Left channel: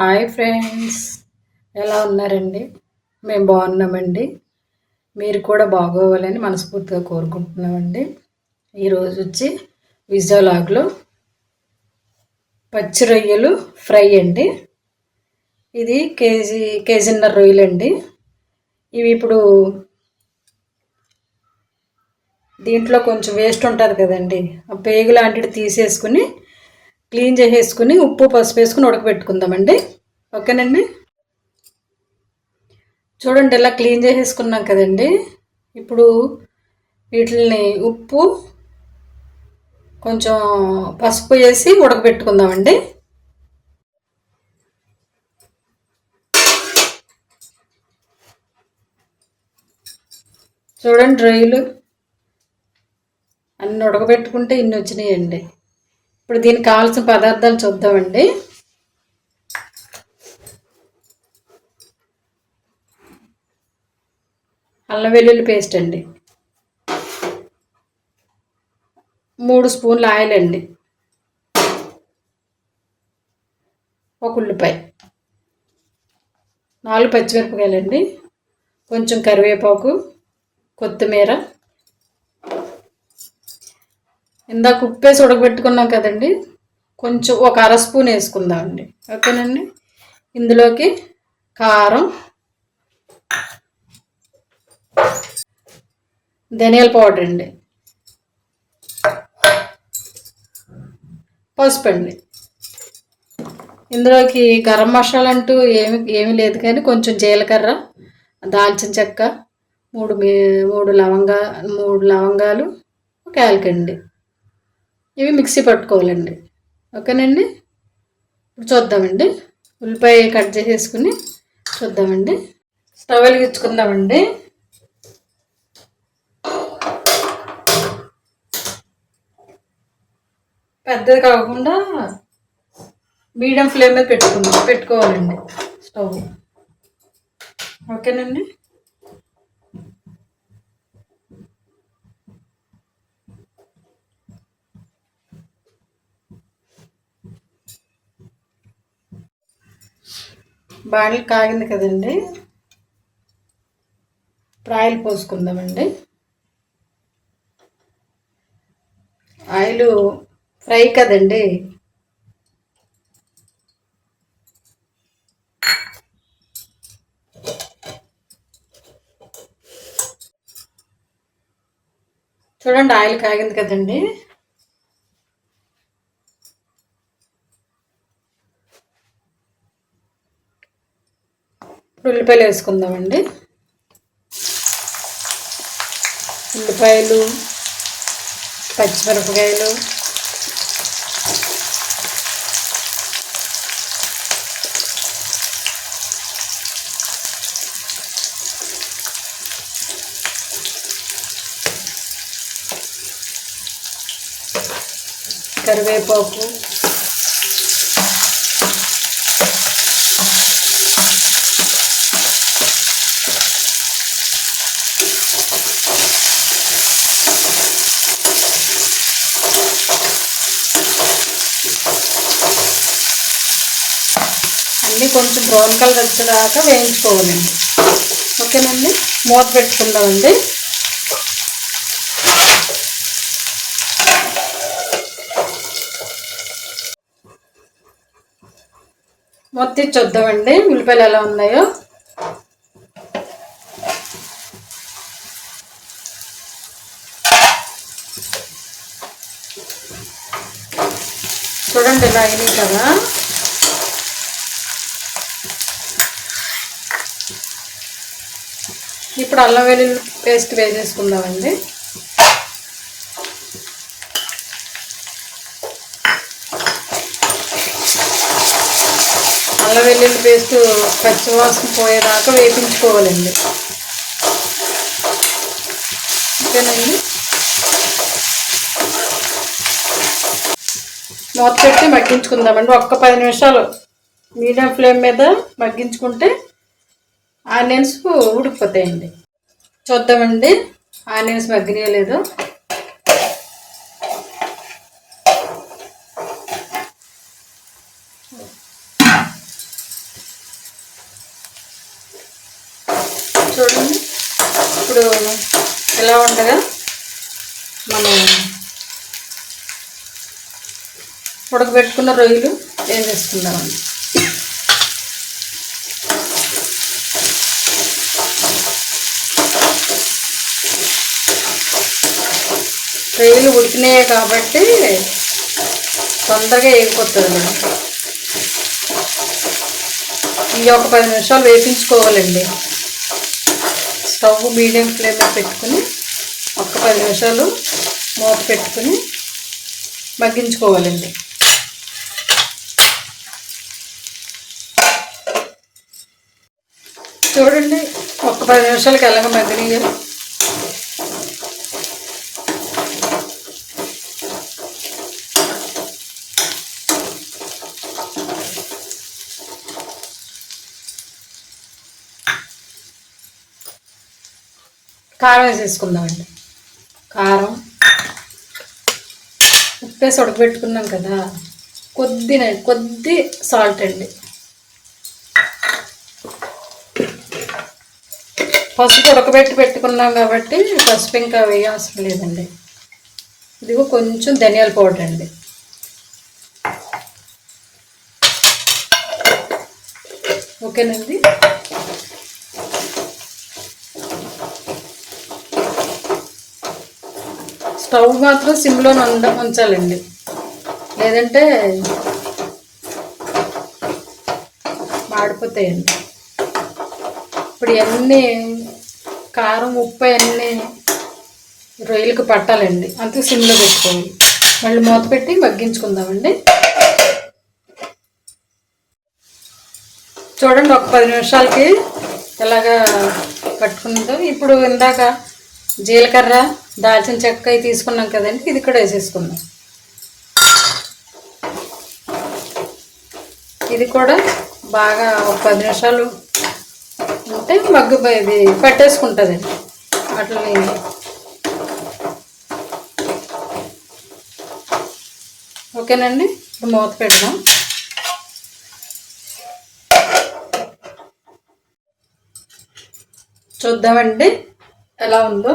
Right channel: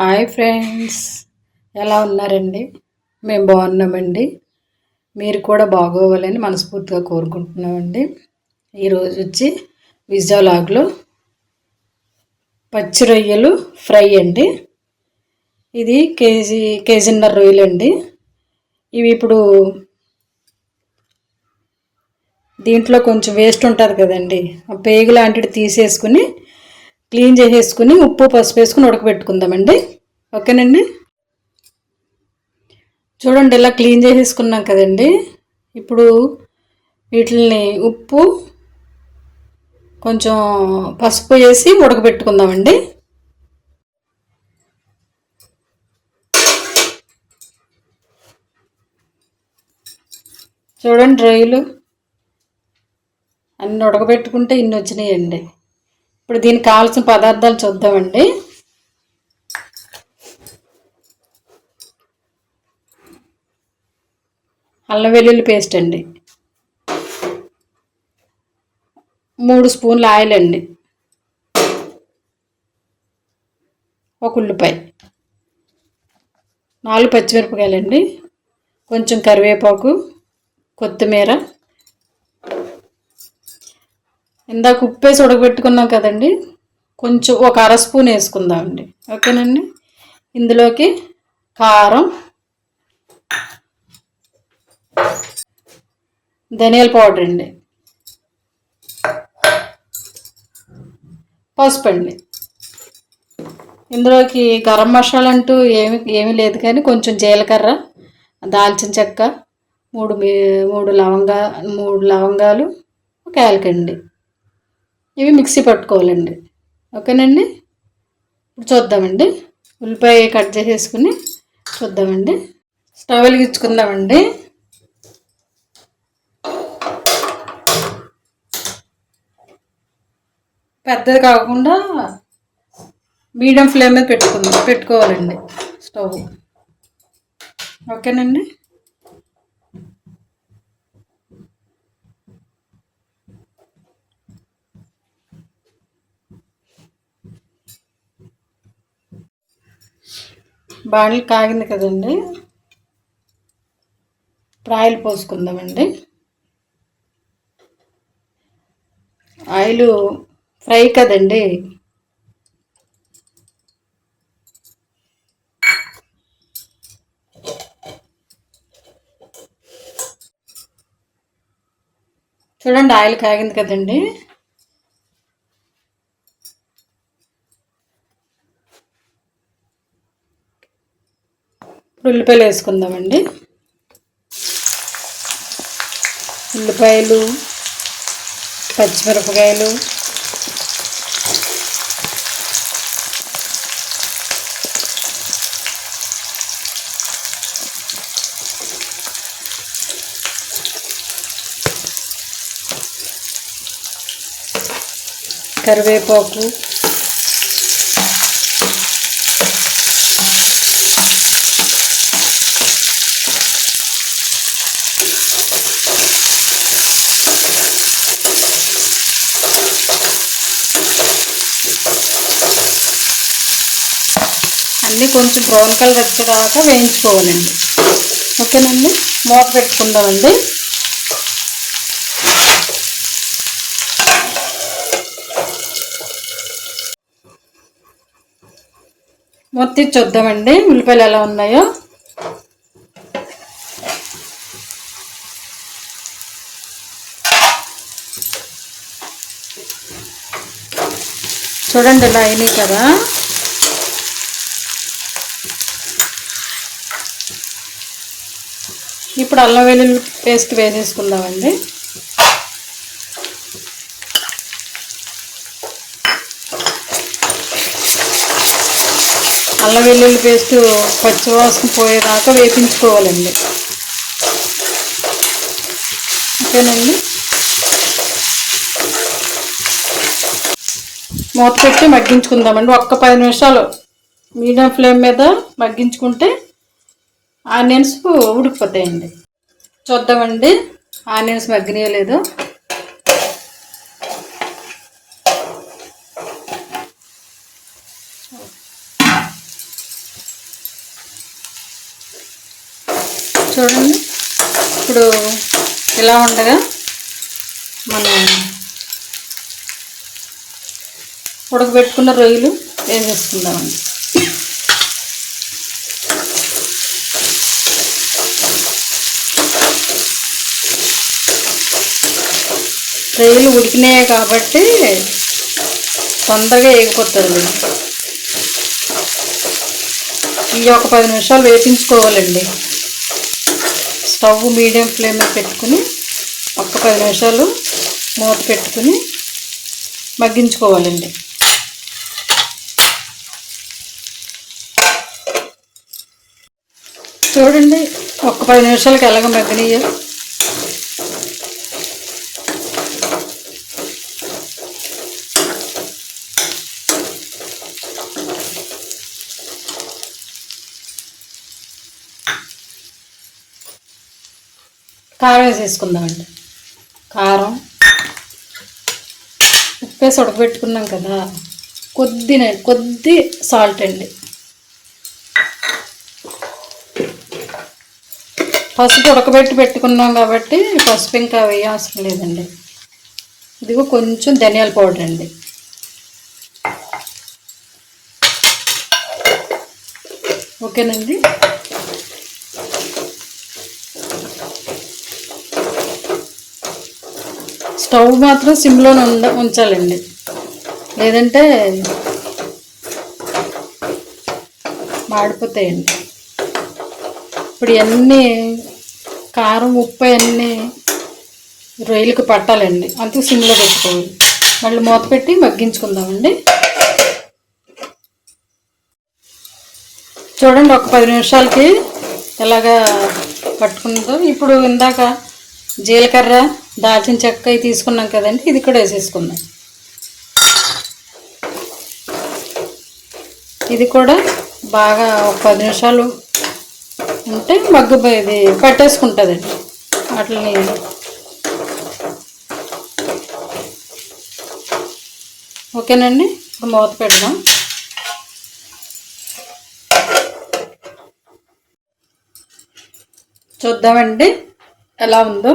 Hi friends. ఎలా ఉన్నారండి? మేము బాగున్నామండి. మీరు కూడా బాగోవాలని మనస్ఫూర్తిగా కోరుకుంటున్నామండి. ఈరోజు వచ్చి విజయలాగ్లో పచ్చి రొయ్యలు ఫ్రై అండి. ఇది కేజీ కేజీన్నర రొయ్యలు అండి ఇవి ఇప్పుడు దీంట్లో కొంచెం వేస్ట్ ఉంటుంది కదండి. ఆ పేగు లాంటిది తీసేసుకుని క్లీన్ చేసేసుకుని ఉప్పు పసుపు వేసుకుని ఉడకబెట్టుకుందామండి. ఓకేనండి? చూడండి ఇలా క్లీన్ చేసేసుకున్నాం కదండి. ఇప్పుడు వీటిని ఉప్పు కొంచెం పసుపు వేసి ఉడకబెట్టుకుందామండి. చూడండి రొయ్యలు అన్ని ఉడకబెట్టుకుంటే ఇన్ని వచ్చినాయండి. ఇప్పుడు దీనికి కావాల్సిన పదార్థాలు చూద్దామండి. అల్లం వెల్లుల్లి పేస్ట్ అండి. మూడు స్పూన్ల ఆయిల్ అండి. ఒక ఉల్లిపాయ. నాలుగు పచ్చిమిరపకాయలండి. కొంచెం కరివేపాకు కొత్తిమీర ఇందాక ఉప్పేసి ఉడకబెట్టుకున్నాం కదండి. కొంచెం ఒక అర స్పూన్ వేసుకుందామండి ఓకేనండి? ఇందులోకి కారం ధనియాల పౌడర్ అండి. పసుపు అండి. ఇందులోకి గరం మసాలా అంటూ ఏమి ఏమీ లేదు కానీ కొంచెం జీలకర్ర దాల్చిన చెక్క మూడు మూడు లవంగా మూడు లవంగాలు ఒక యాలకండి. ఇవి మిక్సీ పట్టుకోవాలండి. ఓకేనండి? ఇప్పుడు చూద్దామండి. ఉల్లిపాయ కట్ చేసేసుకుని చూద్దామండి. స్టవ్ వెలిగించుకుందామండి. పెద్దది కాకుండా మీడియం ఫ్లేమ్ మీద పెట్టుకుందాం. పెట్టుకోవాలండి స్టవ్. ఓకేనండి? బాణలు కాగింది కదండి. ఇప్పుడు ఆయిల్ పోసుకుందామండి. ఆయిల్ ఫ్రై కదండి. చూడండి ఆయిల్ కాగింది కదండి. ఉల్లిపాయలు వేసుకుందామండి ఉల్లిపాయలు పచ్చిమిరపకాయలు కరివేపాకు అన్నీ కొంచెం బ్రౌన్ కలర్ వచ్చేదాకా వేయించుకోవాలండి. ఓకేనండి? మూత పెట్టుకుందామండి. మొత్తం చూద్దామండి. ఉల్లిపాయలు ఎలా ఉన్నాయో. చూడండి ఇలా అయినాయి కదా. ఇప్పుడు అల్లం వెల్లుల్లి పేస్ట్ వేసేసుకుందామండి. అల్లం వెల్లుల్లి పేస్ట్ పచ్చివాసన పోయేదాకా వేపించుకోవాలండి. ఓకేనండి? మూత పెట్టి మగ్గించుకుందామండి. ఒక్క పది నిమిషాలు మీడియం ఫ్లేమ్ మీద మగ్గించుకుంటే ఆనియన్స్ ఉడికిపోతాయండి. చూద్దామండి. ఆనియన్స్ మగ్గినీయలేదు. చూడండి. ఇప్పుడు ఎలా ఉండగా మనం ఉడకబెట్టుకున్న రొయ్యలు ఏం చేసుకుందామండి? రొయ్యలు ఉడికినాయి కాబట్టి తొందరగా వేగిపోతుంది ఈ ఇవి ఒక పది నిమిషాలు వేపించుకోవాలండి. స్టవ్ మీడియం ఫ్లేమ్లో పెట్టుకుని ఒక పది నిమిషాలు మూత పెట్టుకుని మగ్గించుకోవాలండి. చూడండి ఒక్క పది నిమిషాలకి ఎలాగ మగ్గనీయో. కారం వేసేసుకుందామండి. కారం. ఉప్పేసి ఉడకబెట్టుకున్నాం కదా. కొద్ది కొద్ది సాల్ట్ అండి. పసుపు ఉడకబెట్టి పెట్టుకున్నాం కాబట్టి పసుపు ఇంకా వేయ అవసరం లేదండి. ఇదిగో కొంచెం ధనియాల పౌడర్ అండి. ఓకేనండి? స్టవ్ మాత్రం సిమ్లో ఉండ ఉంచాలండి. లేదంటే మాడిపోతాయండి. ఇప్పుడు ఇవన్నీ కారం ఉప్పు అన్నీ రొయ్యలకు పట్టాలండి. అంతే సిమ్లో పెట్టుకోవాలి. మళ్ళీ మూత పెట్టి మగ్గించుకుందామండి. చూడండి ఒక పది నిమిషాలకి ఎలాగా పట్టుకుందాం. ఇప్పుడు ఇందాక జీలకర్ర దాల్చిన చెక్క తీసుకున్నాం కదండి ఇది కూడా వేసేసుకుందాం. ఇది కూడా బాగా ఒక పది నిమిషాలు ఉంటే మగ్గు ఇది పెట్టేసుకుంటుందండి. వాటిని ఓకేనండి? ఇప్పుడు మూత పెడదాం. చూద్దామండి. ఎలా ఉందో.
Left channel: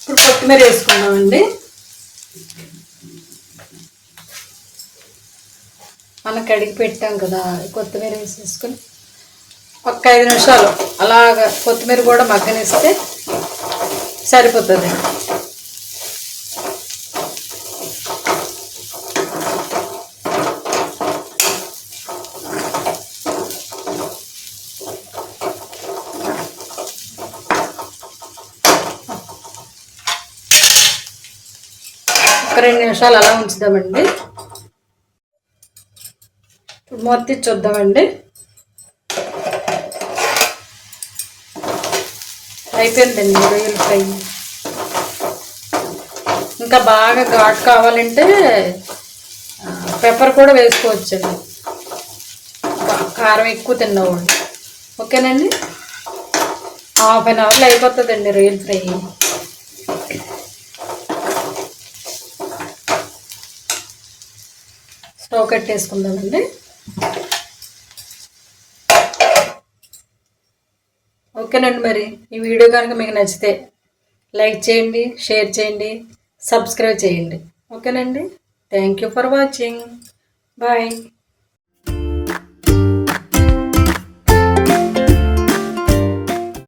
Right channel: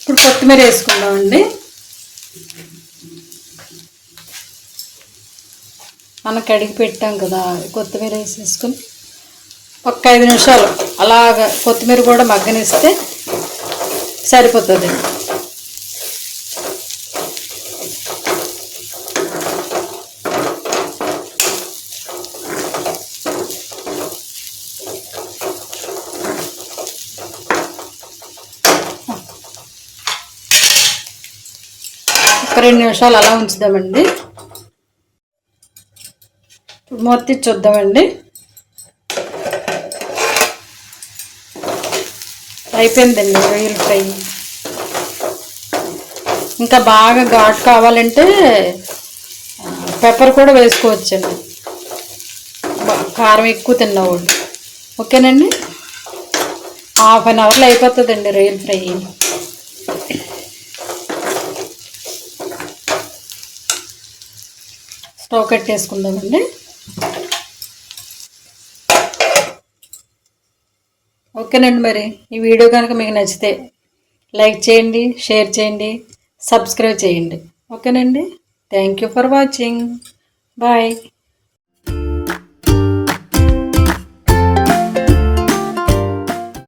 ఇప్పుడు కొత్తిమీర వేసుకుందామండి. మనం కడిగి పెట్టాం కదా కొత్తిమీర వేసేసుకుని ఒక ఐదు నిమిషాలు అలాగ కొత్తిమీర కూడా మగ్గనిస్తే సరిపోతుంది ఒక రెండు నిమిషాలు అలా ఉంచుదామండి. మొత్తం చూద్దామండి. అయిపోయిందండి రొయ్యల ఫ్రై ఇంకా బాగా ఘాట్ కావాలంటే పెప్పర్ కూడా వేసుకోవచ్చండి. కారం ఎక్కువ తిన్నవాళ్ళు. ఓకేనండి? హాఫ్ అన్ అవర్లో అయిపోతుందండి రొయ్యల ఫ్రై స్టవ్ కట్టేసుకుందామండి. ఓకేనండి మరి ఈ వీడియో కనుక మీకు నచ్చితే లైక్ చేయండి షేర్ చేయండి సబ్స్క్రైబ్ చేయండి. ఓకేనండి? Thank you for watching. Bye.